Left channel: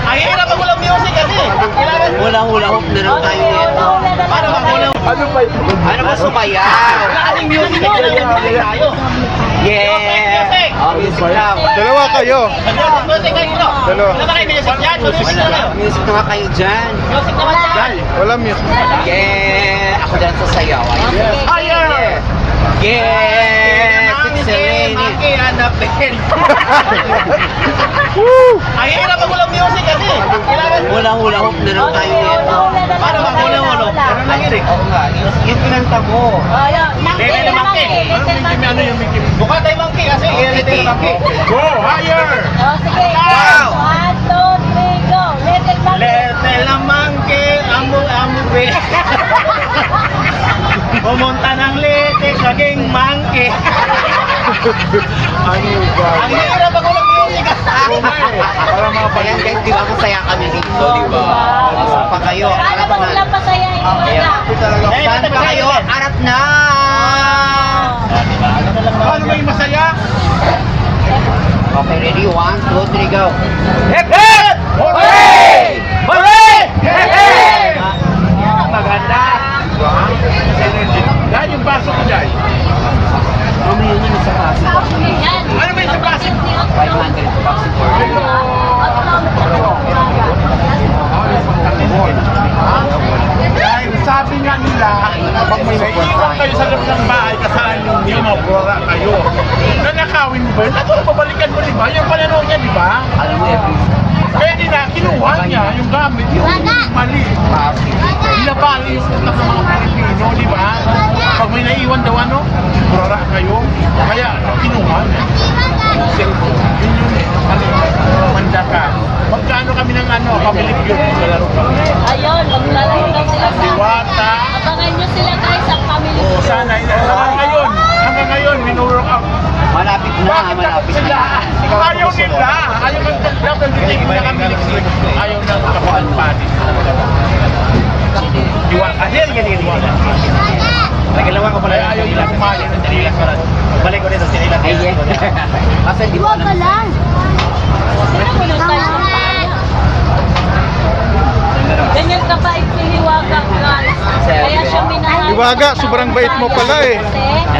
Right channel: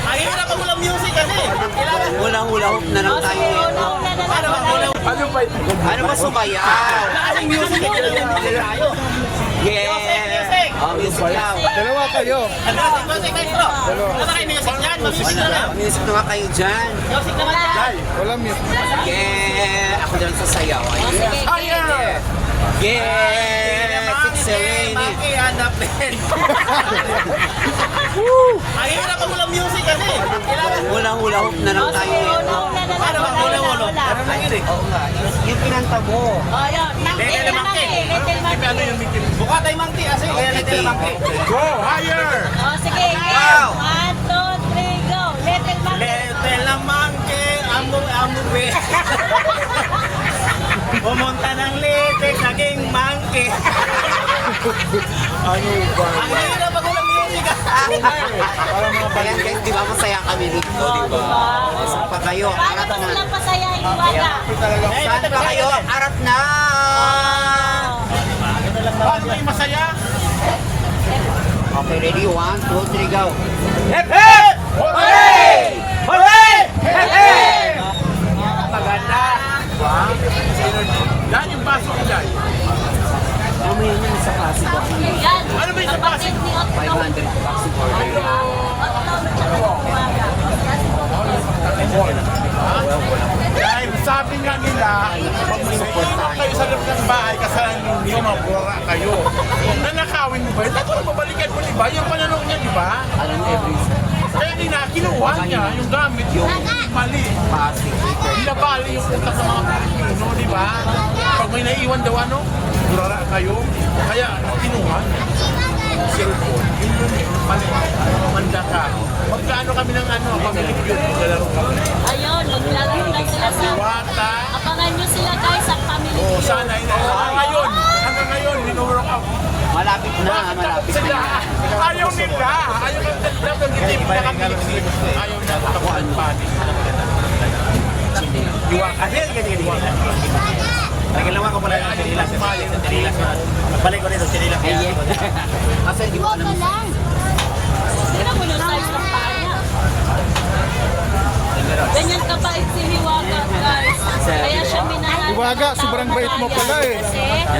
Ang hirap pag walang music kasi. Kailangan Hula-hula hoop na lang tayo nito. para mag-walang... Ano ba ito? Ano ba sumayaw? Wala kasing music, kailangan music tayo. Yeah! Oh, music lang. Dalawa kayo. Music kayo bro. Dalawa. Wala ba kayo music dyan? Music Wala. na kayo. Music na nga kayo dyan. Music naman dyan. Wala music. Yeah! Ako dyan sa sayaw. Fire! Yeah! It's raining. Monkey, hanap din. Ang hirap pag walang music kasi. Kailangan Hula-hula hoop na lang tayo nito. para mag-walang Pero nanginig. Oo nga. Yung pinanta mo. Lele na monkey. Ano yung Mickey? Mukha tayo monkey kasi. Lele tayo monkey. Go! Higher! Wow! Little na monkey, amu-amu be. Pumunta ng little, naging monkey. Ang hirap pag walang music. Ayan guys, di ba masaya kami dito, di ba? Saan pa kayo? Arap na. Saan pa kayo? Arap na! Paano may masaya? Okay, ready? 1, 2, 3, go! Hep! Hep! Hooray! Hooray! Hep! Hep! Maganda. Dahil yung baso ko dyan. Mamaya niyo sa klase. Ano ba yung sa plastic? 500 bucks for Dahil sabi nga nila, pag may naiiwan kayo sa loob ng bahay, kasalanan ninyo, mabura kayo. Nanakawin mo ba yun? Ako, babalikan mo, di ba? Yung pananaw niya, di ba? Alam mo, every Pwede na, kinuha niya yung gamit, yung mali. Binabali yung utak ng mga Pilipino, di ba? Pag may naiwan daw, ano? Mura kayo. Kaya, kinuha niya. Manda ka. Magkano kami ng ano, pabili ko yung laro kami. Ayun, maglalaro lang sila sa... Diwata. Abangan nyo sila guys sa family O sana, hanggang ngayon, minurok out. Malapit na, Bakit malapit sila? na. Ayaw nila. Ayaw ng tagdap ng ditibo na kami. Ayaw ng kabuhan pati. Diwata. Ano yung ganyan nila? Nagalawa ko pala ayaw nila kumain ng tinilas ka lang. Balik ko rin ng tinilas. Ay, yeah. Kasi di ba alam lang. Sino mo nung size ng paa? Ganyan ka ba Hiwaga guys? Kaya siya minahal. Hiwaga, sobrang bait mo pala eh.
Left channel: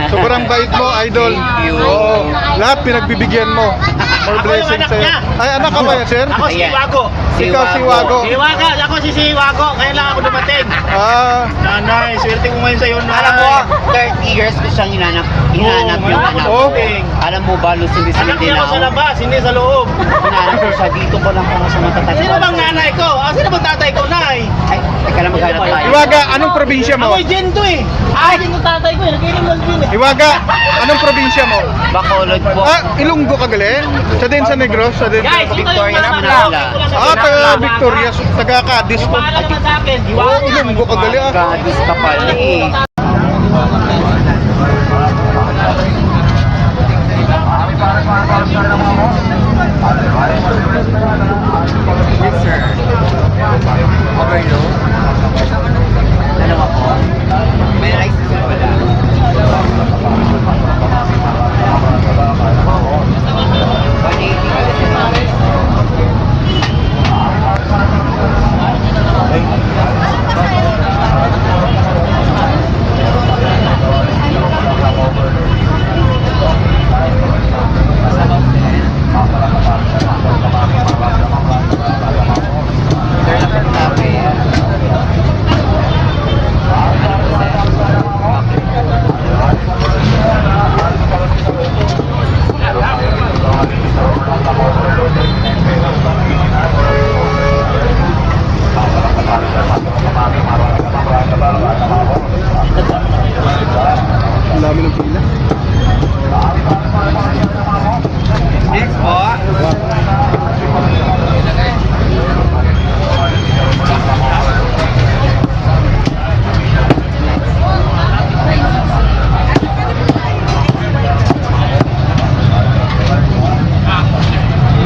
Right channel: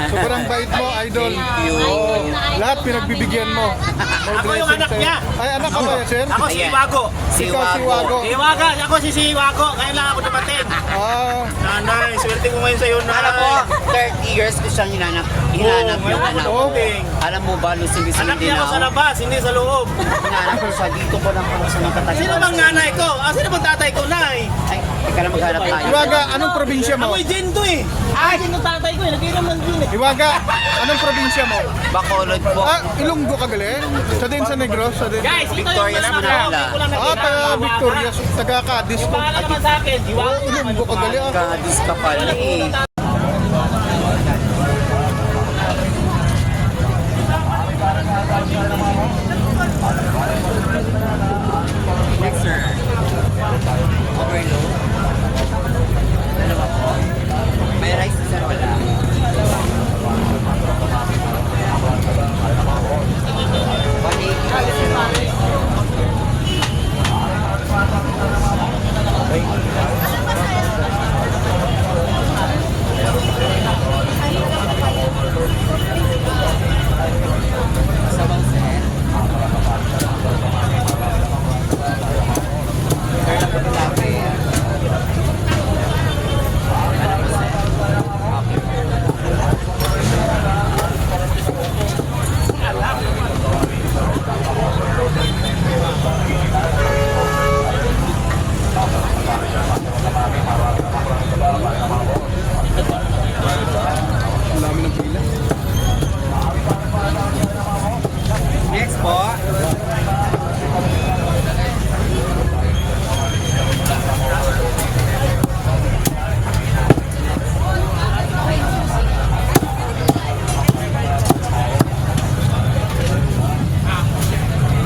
Sobrang bait mo, idol. Oo. Lahat pinagbibigyan mo. For Ako yung blessing anak sa'yo. niya. Ay, anak ka ba yan, sir? Ako si Hiwago. Ikaw si Wago. Hiwaga, ako si Hiwago. Kaya lang ako dumating. Ah, Nanay, swerte ko ngayon sa'yo na. Alam mo, 30 years ko siyang hinanap yung anak. oh. Alam mo ba, Lucille, Anak niya ako sa labas, hindi sa loob. Hinanap ko siya dito ko lang kung sa matatag. Sino bang nanay ko? Sino bang tatay ko, nay? Ay, teka lang maghanap tayo. Hiwaga, anong probinsya mo? Ako'y Jen to eh. Din ko tatay ko eh. Nag-inom ng gin eh. Hiwaga, anong probinsya mo? Bacolod po. Ah, Ilonggo ka galing? Sa din sa Negros? Sa din Guys, sa ito yung Victoria mas sa nakakawin Manila. ko lang na Ah, taga pinaka- Victoria, taga Cadiz po. Paalam naman sa akin, di ba? Oh, Ilonggo ka galing ah. Gadis ka pala eh. Yes, sir. Overload. Dalawa po. May rice na sir pala. Ang dami ng pila. Next po.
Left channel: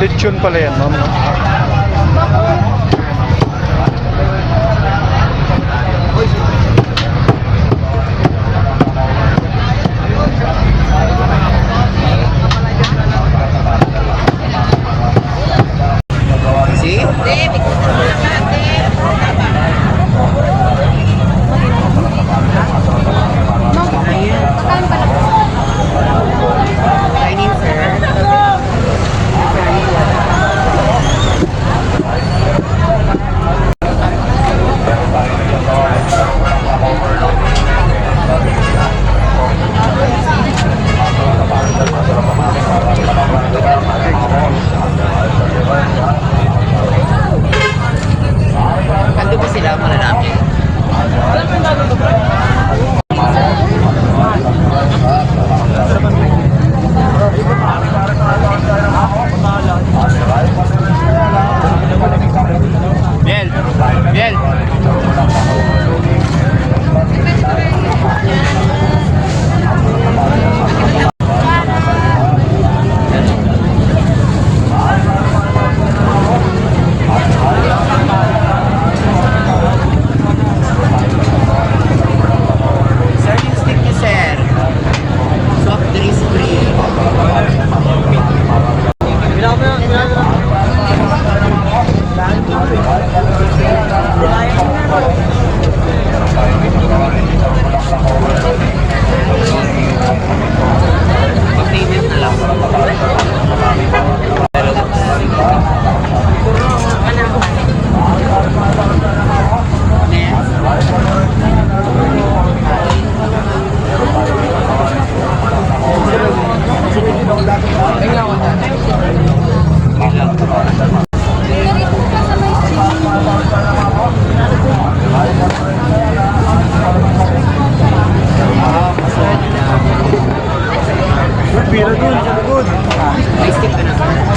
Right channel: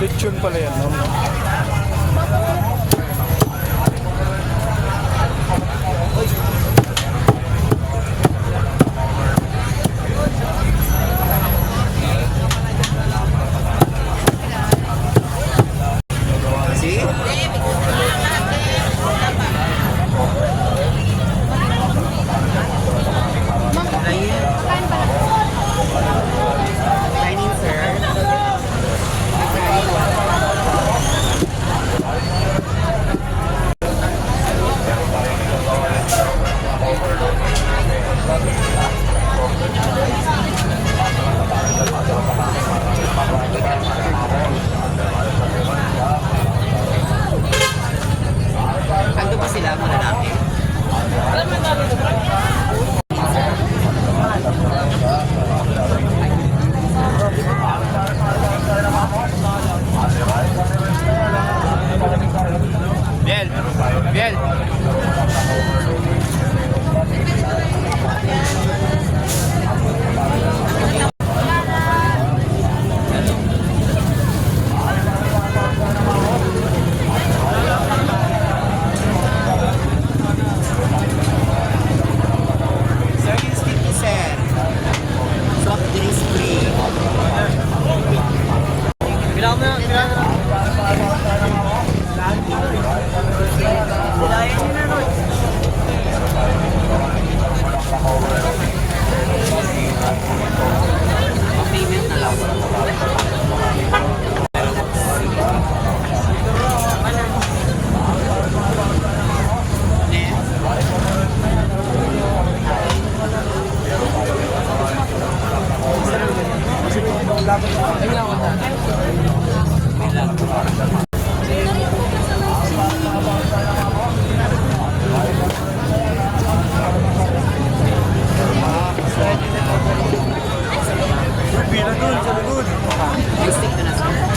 Lechon pala yan, ma'am. no? May stick ka na sir.